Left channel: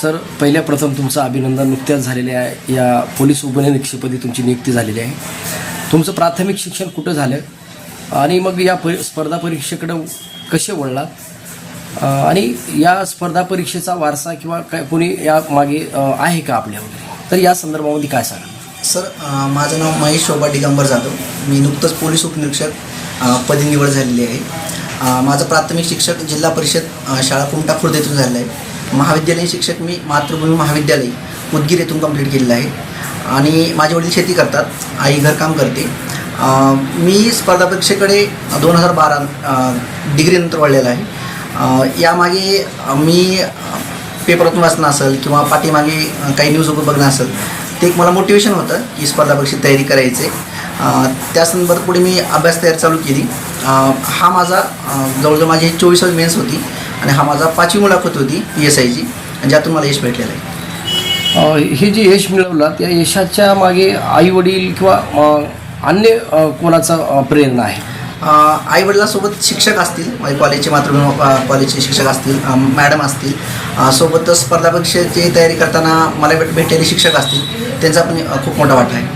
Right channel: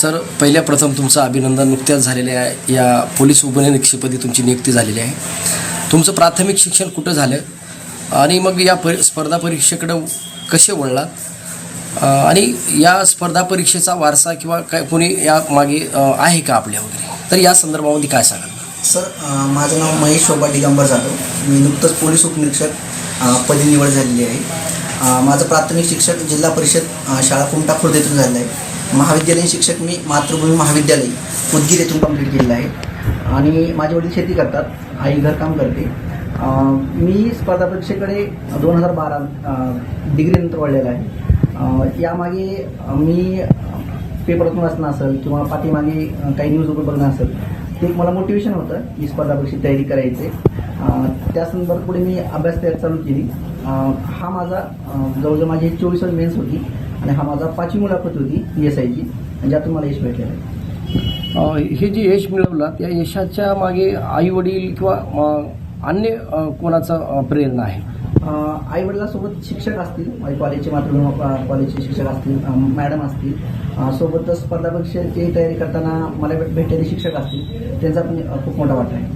Sir पहिल्या प्रथम तुमचं अभिनंदन नुकत्याच झालेल्या या पोलीस उपनिरीक्षकपदी तुमची नियुक्ती झालेली आहे. तुमचं प्राथमिक शिक्षण कुठं झालं? आणि मग या परि स्पर्धा परीक्षेकडं कसे वळलात? आणि या स्पर्धा परीक्षेचा वारसा किंवा काय कोणी या मागे आहे का आपल्या वगैरे? तर या संदर्भामध्ये काय सांगाल? सर माझं नाव महेश शोभा दिगंबर जाधव. मी नुकतंच पोलीस उपनिरीक्षक पदी निवड झालेली आहे. माझं प्राथमिक शिक्षक जिल्हा परिषद शाळा कुमटा खुर्द येथून झालेलं आहे. महाविद्यालयीन शिक्षक मी मातृभूमी महाविद्यालय उदगीर येथून कंप्लीट केलेलं आहे. आणि माझे वडील शेती करतात. आई घरकाम करते. मी स्पर्धा परीक्षेकडे दोन हजार बारा डिग्रीनंतर वळलेला आहे. यामागे मी पेपरातून वाचणं असेल किंवा पाठीमागे काही न्यूज बघणं असेल ते एक मला मोटिवेशन होतं की स्पर्धा परीक्षेत तयारी करायचे. त्या संदर्भात पुढे मी अभ्यास तयारी चालू केली. हा माझा जवळजवळ माझी चोवीस मेन्स होती. आणि हा माझा पाचवी मुलाखत होती पी एस आयची ज्यातून मला यश भेटलेलं आहे. अ, हे जे यश मिळवलं त्या यशाच्या मागे आई वडील किंवा अन्य कोणाचं प्रेरणा आहे? आई वडिलांसोबत शिक्षक असतील माझे कॉलेजचे मातृभूमी कॉलेजचे शिक्षक असतील मॅडम असतील अ, सोबतच स्पर्धा परीक्षेची तयारी करताना मला भेट भेटलेले शिक्षक असतील त्यांचा पण खूप मोठा वाटा आहे.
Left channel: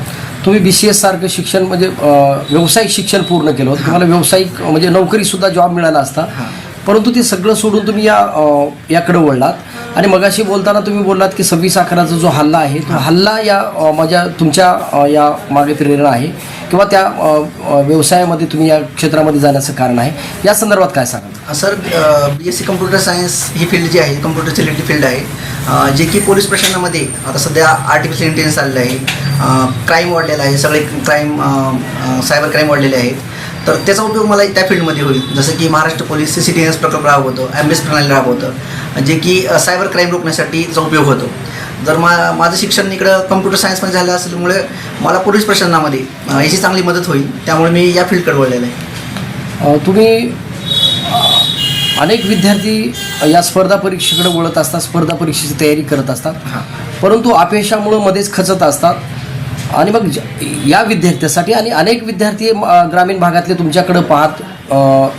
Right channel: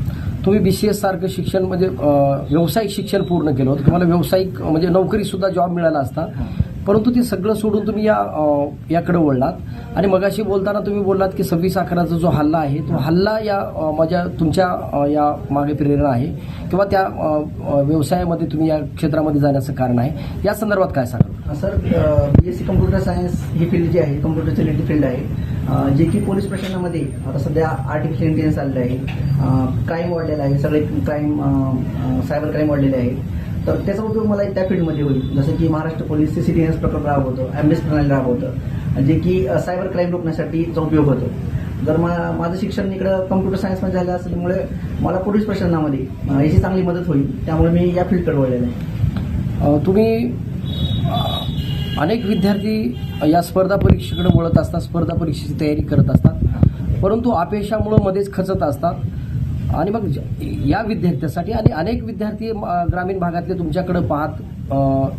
तुम्ही बी सी एस सारखं शिक्षण म्हणजे व्यावसायिक शिक्षण पूर्ण केलं होतं. तुम्हाला व्यावसायिक म्हणजे नोकरीसुद्धा जॉब मिळाला असता. परंतु ते सगळं सोडून तुम्ही या याकडे वळलात. आणि मगाशी बोलताना तुम्ही बोललात की सव्वीस अकराचा जो हल्ला आहे तो हल्ला या माझ्या तुमच्या या मागे प्रेरणा आहे किंवा त्या व्यवसायामध्ये तुम्ही या क्षेत्रामध्ये जाण्याचं कारण आहे. या संदर्भात काय सांगाल? Sir B S C computer science ही फील्ड जी आहे कम्प्युटर रिलेटेड फील्ड आहे. जे की पोलीस प्रशासनामध्ये आता सध्या आर्टिफिशियल इंटेलिजन्स आलेलं आहे क्राईम वाढलेला आहे सगळे क्राईम सायबर क्राईम वाढलेले आहेत. तर त्याचा उपयोग मला त्या फील्डमध्ये होईल. जसं की Maharashtra police C C T S प्रकल्प राबवतं एम एस प्रणाली राबवतं जे की सायबर क्राईम रोखण्यासाठी त्याचा उपयोग होतो. जर मा माझं शिक्षण इकडं कम्प्युटर सायन्समध्ये झालं असल्यामुळे मला पोलीस प्रशासनामध्ये याची चांगली मदत होईल. त्यामुळे मी या फील्डकडे वळलेलं आहे. तुम्ही अनेक विद्यार्थी या स्पर्धा परीक्षेकडे वळत असतात स्पर्धा परीक्षेची तयारी करत असतात. परंतु अपयशामुळं मध्येच खचत असतात. आणि मग या विद्यार्थ्यासाठी आणि अनेक विद्यार्थी ग्रामीण भागातले तुमच्याकडं पाहत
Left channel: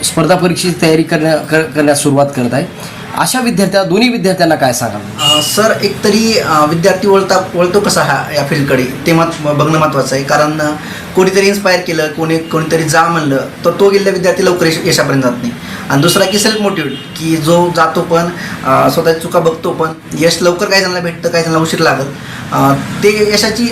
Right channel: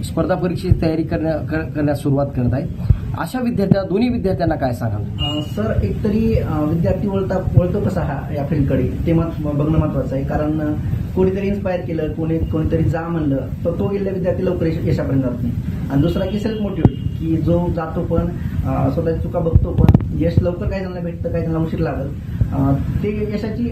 स्पर्धा परीक्षेची तयारी करण्या कर- करण्यास सुरुवात करत आहे अशा विद्यार्थ्या दोन्ही विद्यार्थ्यांना काय सांगाल? सर एकतरी तरी विद्यार्थी वळता वळतो कसा हा या फील्डकडे? ते मत बघणं महत्त्वाचं आहे. कारण कोणीतरी इन्स्पायर केलं कोणी कोणीतरी जा म्हणलं तर तो गेलेला विद्यार्थी लवकर यश यशापर्यंत जात नाही. आणि दुसरा की सेल्फ मोटिवेट की जो जातो पण स्वतःची चुका बघतो पण यश लवकर काही जणांना भेटतं काही जणांना उशीर लागत ते यशाची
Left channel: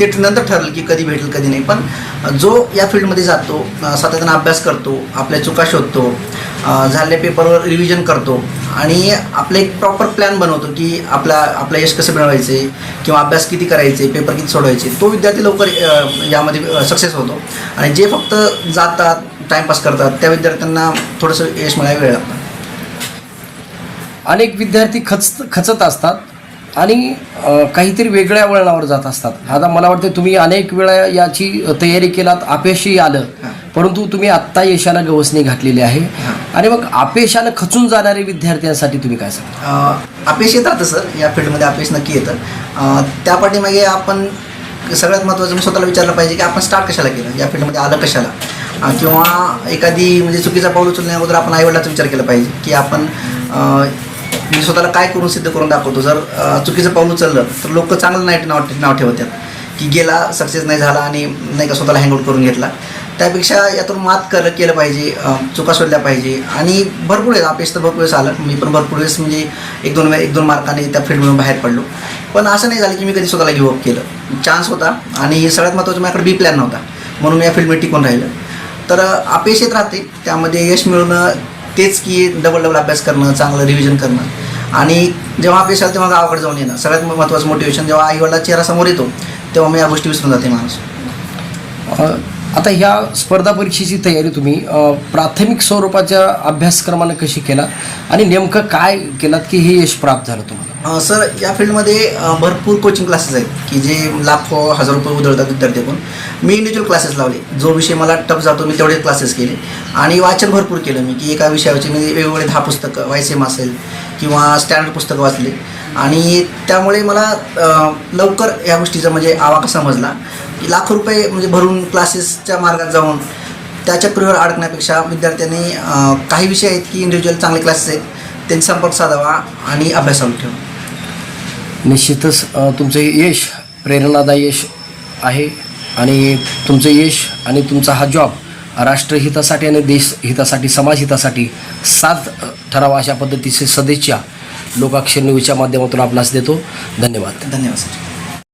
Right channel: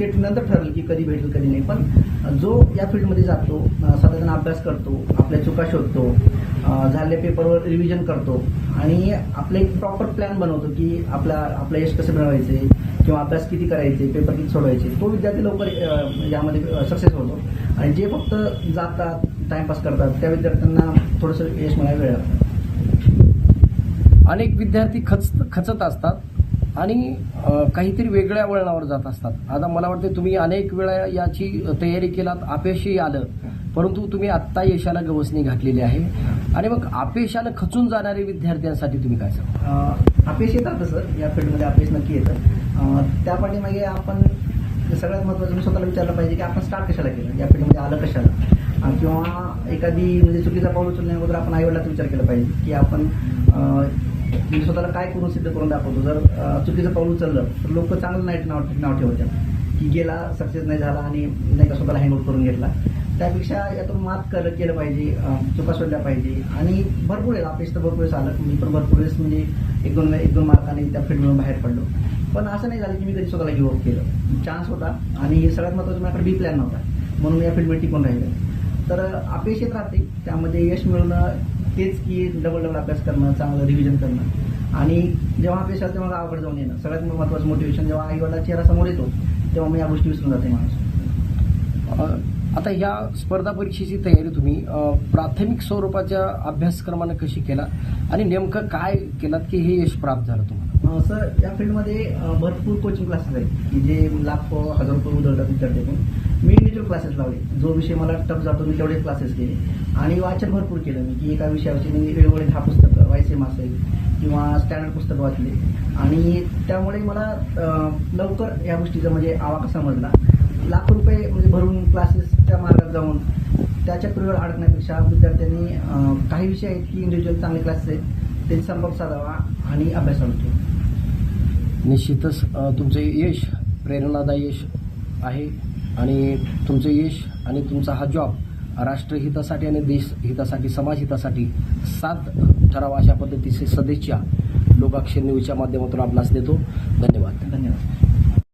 ते नंतर ठरलं की कधी भेटेल कधी नाही. पण जो या फील्डमध्ये जातो सातत्यानं अभ्यास करतो आपल्या चुका शोधतो अ, झालेल्या पेपरवर रिव्हिजन करतो आणि आपलं एक प्रॉपर प्लॅन बनवतो की आपला आपलं यश कसं मिळवायचे किंवा अभ्यास किती करायचे पेपर किती सोडवायचे तो विद्यार्थी लवकर यामध्ये सक्सेस होतो. आणि जे फक्त जातात टाईमपास करतात त्या विद्यार्थ्यांना थोडंसं यश मिळायला वेळ लागतो. अनेक विद्यार्थी खच खचत असतात. आणि काहीतरी वेगळ्या वळणावर जात असतात. आता मला वाटतं तुम्ही अनेक वेळा याची तयारी केलात अपयशही आलं. परंतु तुम्ही आत्ता यशाला गवसणी घातलेली आहे. आणि मग अपयशानं खचून जाणारे विद्यार्थ्यांसाठी तुम्ही काय सांगता? अ, अपयश येत राहतं सर. या फील्डमध्ये अपयश नक्की येतं त्या पाठीमागे आपण सगळ्यात महत्त्वाचं मी स्वतःला विचारलं पाहिजे की आपण स्टार्ट कशाला केलं? या फील्डमध्ये आलं कशाला? किंवा एखादी म्हणजे चुकीचा पाऊल उचलण्या अगोदर आपण आईवडिलाचा विचार केला पाहिजे की आपण मी स्वतःला काय करून सिद्ध करून दाखवतो? जर चुकीचं पाऊल उचललं तर लोक चांगलं नाही नाव नाव ठेवतात. की गेला सक्सेस नाही झाला आणि नाही का स्वतःला हँगआउट करून घेतला. त्यापेक्षा यातून मात कर केलं पाहिजे चुका शोधल्या पाहिजे. आणि भरपूर वेळेस अपयश तर भरपूर वेळेस आलं. मी पण भरपूर वेळेस म्हणजे एक दोन एक दोन मार्काने त्या फील्डमधून बाहेर पडलो. पण असं नाही झालं की मी कधी स्वतःला गिव्हअप केलं. चान्स होता आणि सगळ्यात महत्त्वाचं माझ्याकडे बी प्लॅन नव्हता. म्हणून मी या फील्डमध्ये टिकून राहिलं. तर अपयश येत राहते. त्यामध्ये यश मिळवणं तेच की डबल डबल अभ्यास करणं चांगलं रिव्हिजन करणं. आणि जेव्हा अभ्यास आला तेव्हा गावाकडे जाऊन येणं. सगळ्यात महत्त्वाचं मोटिवेशन जेव्हा आईवडिला चेहरा समोर येतो तेव्हा मी या गोष्टी विसरून जाते माणूस. आता ह्या स्पर्धा परीक्षेची तयारी तुम्ही प्राथमिक स्वरूपाच्या अभ्यासक्रमानं कशी केला आणि नेमकं काय केलात की हे यश प्राप्त झालं तुम्हाला? सर या फील्डमध्ये भरपूर कोचिंग क्लासेस आहेत की जे लाखो हजार रुपये उधळतात विद्यार्थ्याकडून. मी इंडिव्हिज्युअल क्लासेस लावले. जो विषय मला टफ जातो मी तेवढे क्लासेस केले. आणि वाचन भरपूर केलं मी की एका विषयावरचे मी वेगवेगळे दहा पुस्तकं वाय एम असेल किंवा स्टँडर्ड पुस्तकं वाचले. आणि त्यामुळे मला लवकर या गोष्टीचा म्हणजे आवाका समजला. लाखो रुपये म्हणजे भरून क्लासेसच्या मार्गात जाऊन त्या चक्रीवर अडकण्यापेक्षा विद्यार्थ्यांनी काही विषय आहेत की इंडिव्हिज्युअल चांगले क्लासेस आहेत त्यांचा संपर्क साधावा आणि अभ्यास चालू ठेवा. निश्चितच तुमचं यश प्रेरणादायी यश आहे आणि तुमचं यश आणि तुमचा हा जॉब राष्ट्रहितासाठी आणि देश हितासाठी समाजहितासाठी साथ अ, ठरावा अशा पद्धतीचे सदिच्छा लोकाक्षर न्यूजच्या माध्यमातून आपणास देतो. धन्यवाद. धन्यवाद सर.